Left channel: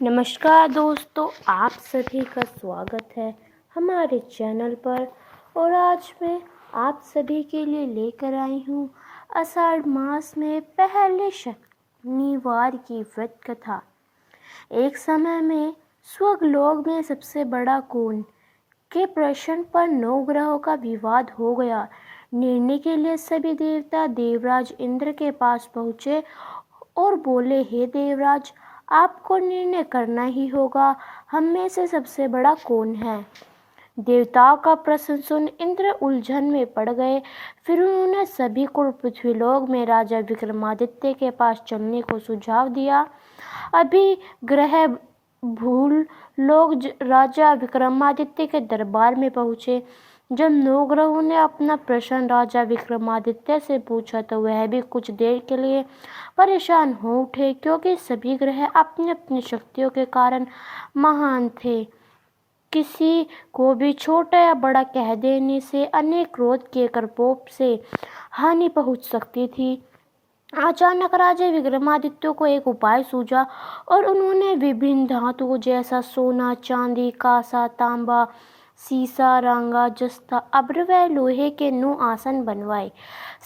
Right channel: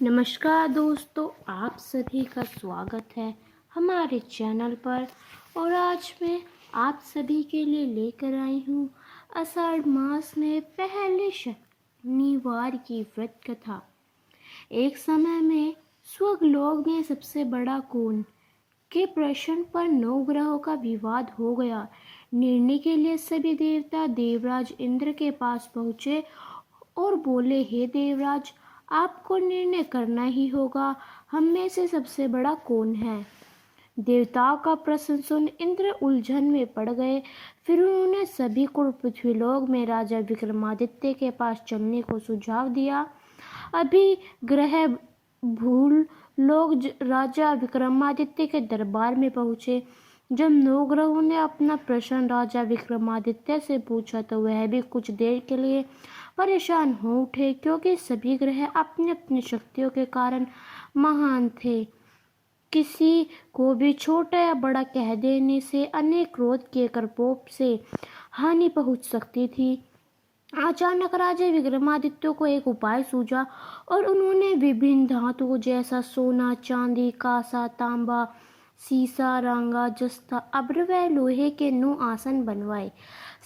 नमस्कार दोस्तों, आप सभी का स्वागत है हमारे चैनल पर। और आज मैं आप सभी के लिए लेकर आई हूँ आषाढ़ मास में पहले शनिवार की व्रत कथा। एक समय में स्वर्गलोक में सबसे बड़ा कौन के प्रश्न पर 9 ग्रहों का विवाद हो गया। निर्णय के लिए सभी देवता देवराज इंद्र के पास पहुँचे और बोले, हे देवराज, आपको निर्णय करना ही होगा, हम में से सबसे बड़ा कौन है। देवताओं का प्रश्न सुन इंद्र उलझन में पड़ गए। फिर उन्होंने सभी को पृथ्वीलोक में राजा विक्रमादित्य के पास चलने को सुझाव दिया। अभी ग्रह भूल लोग राजा विक्रमादित्य के दरबार में पहुंचे। जब 9 ग्रहों ने अपना प्रश्न राजा विक्रमादित्य से पूछा तो वह भी कुछ देर के लिए परेशान हो उठे, क्योंकि सभी ग्रह अपनी अपनी शक्तियों के कारण महान थे। किसी को भी छोटा या बड़ा कह देने से अनेक क्रोध के प्रकोप से हानि पहुंच सकती थी। अचानक राजा विक्रमादित्य को एक उपाय सूझा और उन्होंने विभिन्न धातुओं जैसा सोना, चांदी, कांसा, तांबा, सीसा, रांगा, जस्ता, अब्र व लोहे के 9 आसन बनवाए।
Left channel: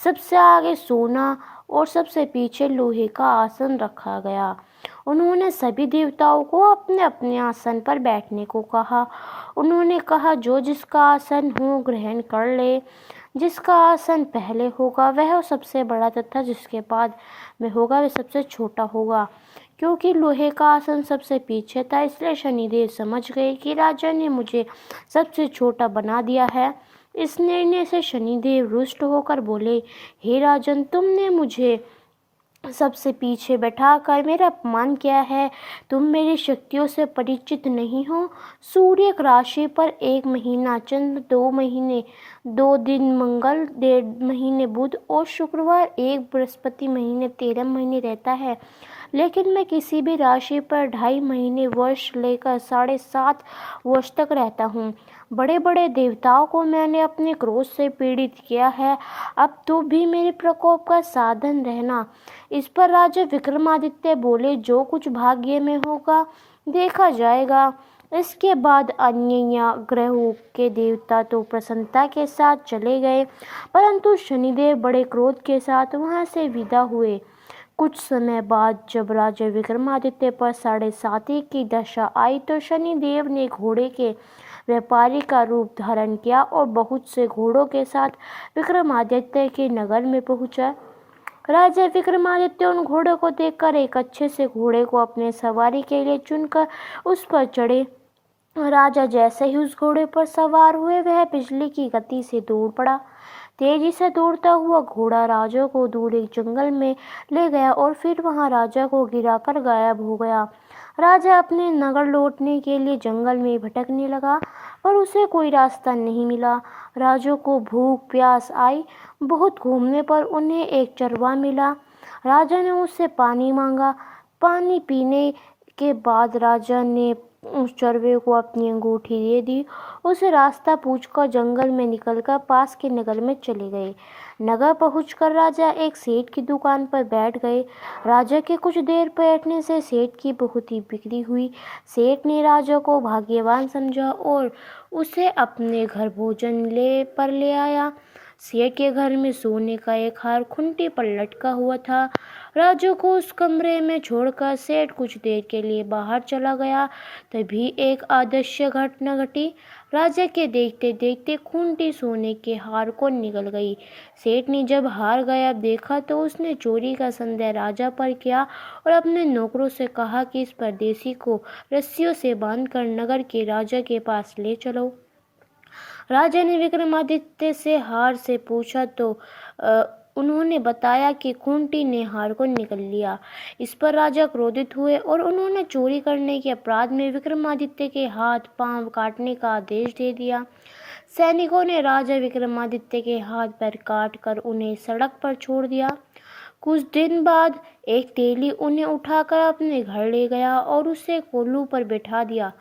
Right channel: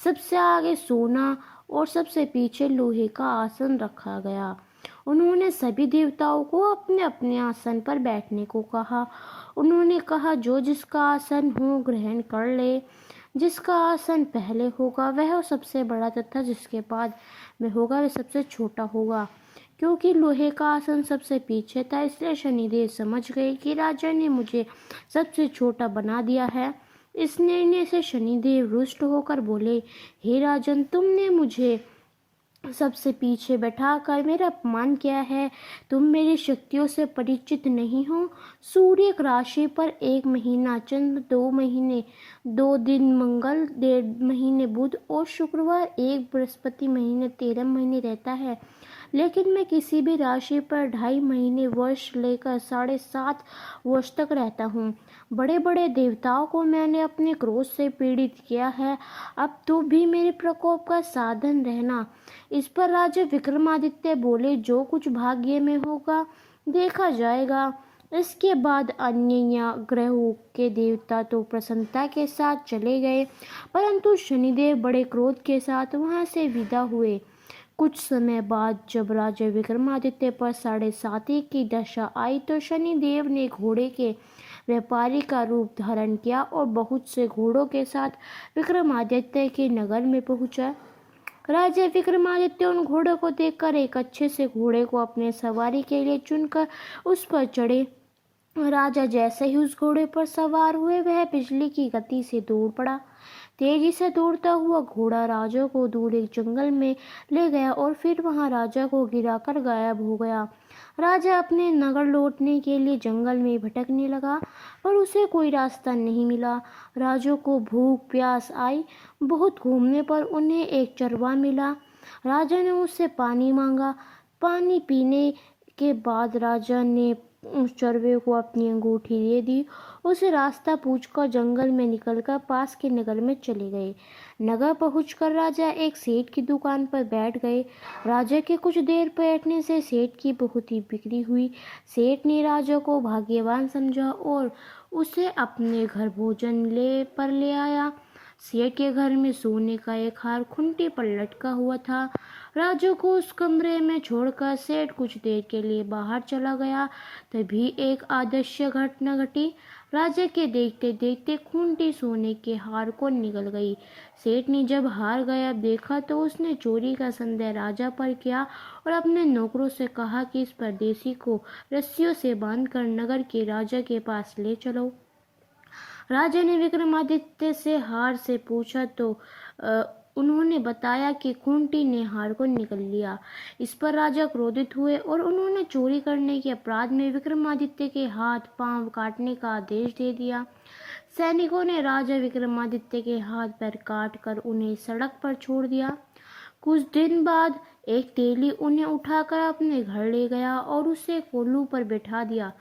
सबसे आगे सोना और सबसे पीछे लोहे का आसन रखा गया। उन्होंने सभी देवताओं को अपने अपने आसन पर बैठने को कहा। उन्होंने कहा, जो जिसका आसन हो ग्रहण कर ले। जिसका आसन पहले होगा वह सबसे बड़ा तथा जिसके बाद में होगा वह सबसे छोटा होगा। क्योंकि लोहे का आसन सबसे पीछे था, इसलिए शनिदेव समझ गए कि राजा ने मुझे सबसे छोटा बना दिया है। इस निर्णय से शनिदेव रुष्ट होकर बोले, हे राजन, तुमने मुझे सबसे पीछे बैठाकर मेरा अपमान किया है। तुम मेरी शक्तियों से परिचित नहीं हो। सूर्य एक राशि पर 1 महीना, चंद्र 2 महीने 2 दिन, मंगल 1.5 महीने, बुध और शुक्रवार 1, बृहस्पति महीने 13 महीने रहता है। लेकिन मैं किसी भी राशि पर 2.5 महीने, वर्ष लेकर 7.5 वर्ष तक रहता हूँ। बड़े बड़े देवताओं को मैंने अपने क्रोध से पीड़ित किया है, अब तो भी मेरे प्रकोप का साधन रहना। इस पर राजा विक्रमादित्य बोले, जो कुछ भाग्य में होगा देखा जाएगा। इसके बाद अन्य ग्रहों के देवता तो प्रसन्नता के साथ चले गए, परंतु शनिदेव बड़े क्रोध के साथ वहां से विदा हुए। कुछ समय बाद जब राजा विक्रमादित्य पर 7.5 की दशा आई तो शनिदेव ने घोड़े के व्यापारी का रूप धारण किया और बहुत से घोड़ों के साथ विक्रमादित्य के नगर में पहुंचा। राजा विक्रमादित्य उन घोड़ों को देखकर एक अच्छे से घोड़े को अपने सवारी के लिए चुनकर उस पर चढ़े। राजा जैसे ही उस घोड़े पर सवार हुए वह बिजली की गति से दौड़ पड़ा। तेजी से दौड़ता हुआ घोड़ा राजा को दूर एक जंगल में ले गया और फिर वहां राजा को गिराकर गायब हो गया। राजा अपने नगर लौटने के लिए जंगल में भटकने लगा, पर उसे कोई रास्ता नहीं मिला। राजा को भूख प्यास आई। बहुत घूमने पर उन्हें एक चरवाहा मिला। राजा ने उससे पानी मांगा। पानी पीने के बाद राजा ने उस चरवे को अपनी अंगूठी दे दी। उसे रास्ता पूछकर जंगल में निकलकर पास के नगर में चले गए। नगर पहुंचकर राजा एक सेठ की दुकान पर बैठ गए। राजा के कुछ देर बैठने से सेठ की बहुत ही बिक्री हुई। सेठ ने राजा को भाग्यवान समझा और उसे अपने घर भोजन ले आया। सेठ के घर में सोने का एक हार खूंटी पर लटका हुआ था। राजा को उस कमरे में छोड़कर सेठ कुछ देर के लिए बाहर चला गया। तभी एक अदृश्य घटना घटी। राजा के देखते देखते खूंटी सोने के हार को निकल गई। सेठ ने जब हार गायब देखा तो उसने चोरी का संदेह राजा पर किया और अपने नौकरों से कहा कि इस परदेसी को रस्सियों से बांधकर नगर के राजा के पास ले चलो। राजा ने विक्रमादित्य से हार से पूछा तो उन्होंने बताया कि खूंटी ने हार को निकल लिया। इस पर राजा क्रोधित हुए और उन्होंने चोरी करने के अपराध में विक्रमादित्य के हाथ पांव काटने का आदेश दे दिया। सैनिकों ने राजा विक्रमादित्य के हाथ पैर काट कर उन्हें सड़क पर छोड़ दिया। कुछ दिन बाद एक तेली उन्हें उठाकर अपने घर ले गया और उसे कोल्हू पर बैठा दिया।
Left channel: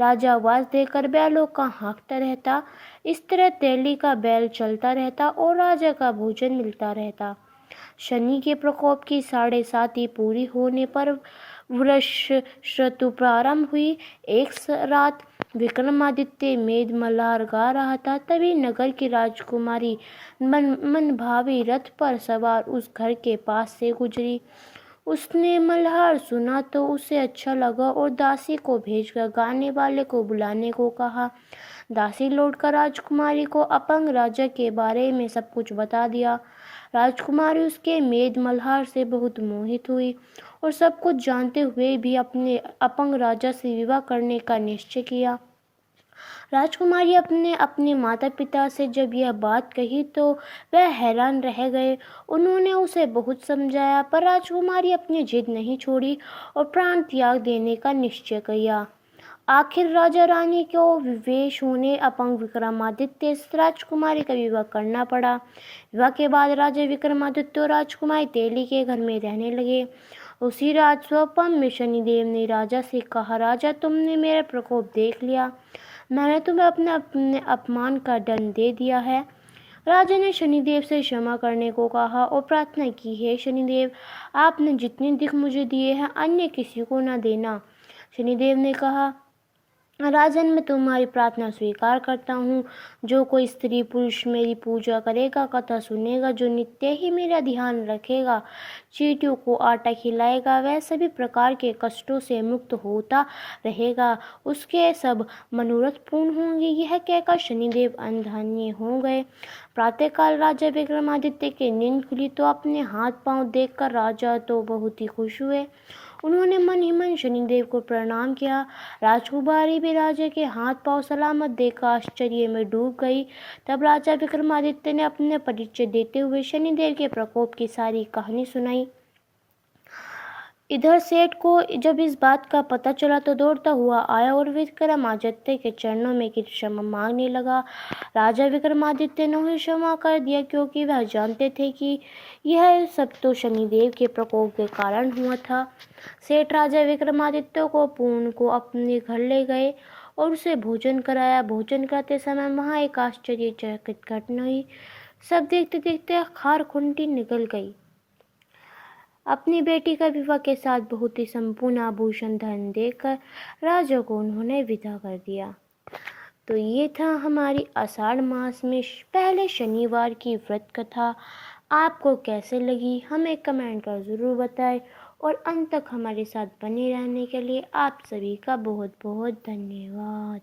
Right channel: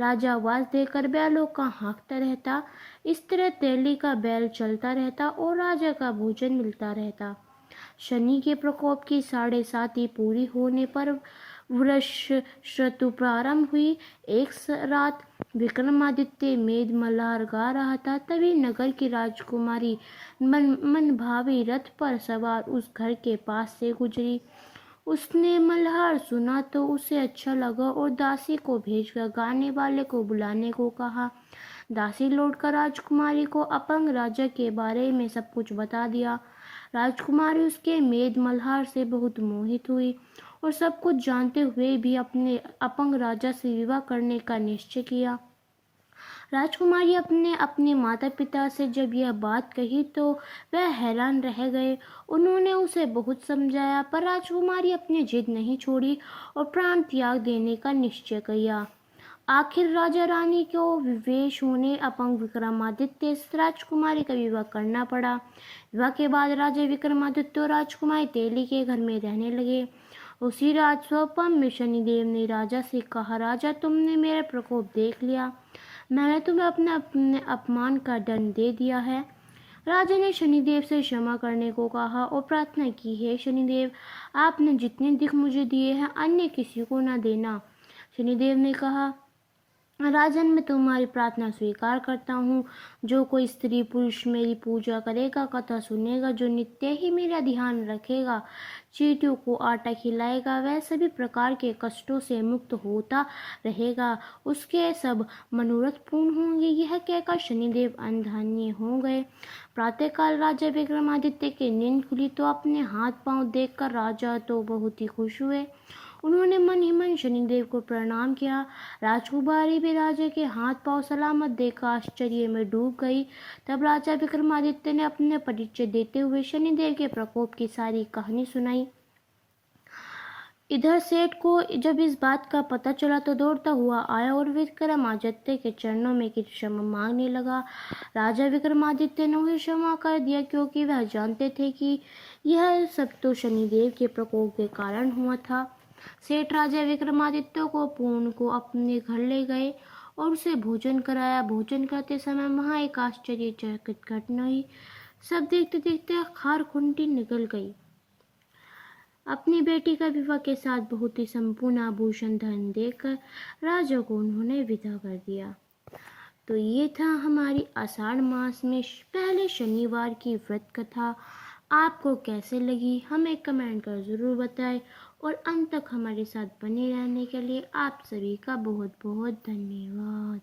राजा आवाज देकर बैलों का हाँकता रहता। इस तरह तेली का बैल चलता रहता और राजा का भोजन मिलता रहता। शनि के प्रकोप की 7.5 पूरी होने पर वर्षऋतु प्रारंभ हुई। एक रात विक्रमादित्य मेद मल्हार गा रहा था, तभी नगर की राजकुमारी मनभावी रथ पर सवार उस घर के पास से गुजरी। उसने मल्हार सुना तो उसे अच्छा लगा और दासी को भेजकर गाने वाले को बुलाने को कहा। दासी लौटकर राजकुमारी को अपंग राजा के बारे में सब कुछ बता दिया। राजकुमारी उसके मेद मल्हार से बहुत मोहित हुई और सब कुछ जानते हुए भी अपने अपंग राजा से विवाह करने का निश्चय किया। राजकुमारी अपने अपने माता पिता से जब यह बात कही तो वह हैरान रह गए। उन्होंने उसे बहुत समझाया, पर राजकुमारी अपनी जिद नहीं छोड़ी और प्राण त्याग देने का निश्चय किया। आखिर राजा रानी को विवेश होने अपंग विक्रमादित्य से राजकुमारी का विवाह करना पड़ा। विवाह के बाद राजा विक्रमादित्य और राजकुमारी तेली के घर में रहने लगे। उसी रात स्वप्न में शनिदेव ने राजा से कहा, राजा, तुमने मेरा प्रकोप देख लिया। मैंने तुम्हें अपने अपमान का दंड दे दिया है। राजा ने शनिदेव से क्षमा करने को कहा और प्रार्थना की, हे शनिदेव, आपने जितने दुख मुझे दिए हैं अन्य किसी को न देना। शनिदेव ने कहा, राजन, मैं तुम्हारी प्रार्थना स्वीकार करता हूँ। जो कोई स्त्री पुरुष मेरी पूजा करेगा, कथा सुनेगा, जो नित्य ही मेरा ध्यान रखेगा, चींटियों को आटा खिलाएगा, वह सभी प्रकार के कष्टों से मुक्त होता रहेगा, उसके सब मनोरथ पूर्ण होंगे। यह कहकर शनिदेव अंधन्य हो गए। प्रातःकाल राजा विक्रमादित्य की नींद खुली तो अपने हाथ पांव देखकर राजा तो बहुत ही खुश हुए। उन्होंने मन ही मन शनिदेव को प्रणाम किया। राजकुमारी भी राजा के हाथ पांव सलामत देखकर आश्चर्य में डूब गई। तब राजा विक्रमादित्य ने अपने परिचय देते हुए शनिदेव के प्रकोप की सारी कहानी सुनाई। इधर सेठ को जब इस बात का पता चला तो दौड़ता हुआ आया और विक्रमादित्य के चरणों में की क्षमा मांगने लगा। राजा विक्रमादित्य ने उन्हें क्षमा कर दिया, क्योंकि वह जानते थे कि यह सब तो शनिदेव के प्रकोप के कारण हुआ था। सेठ राजा विक्रमादित्य को अपने घर ले गए और उसे भोजन कराया। भोजन करते समय वहाँ एक आश्चर्यचकित घटना हुई। सब देखते देखते खार खुंटी निकल गई। अपनी बेटी का विवाह के साथ बहुत ही संपूर्ण आभूषण धन देकर राजा को उन्होंने विदा कर दिया। तो ये था हमारी आषाढ़ मास में पहले शनिवार की व्रत कथा। आपको कैसे लगी हमें कमेंट कर ज़रूर बताएं और अंत तक हमारे साथ बने रहने के लिए आप सभी का बहुत बहुत धन्यवाद।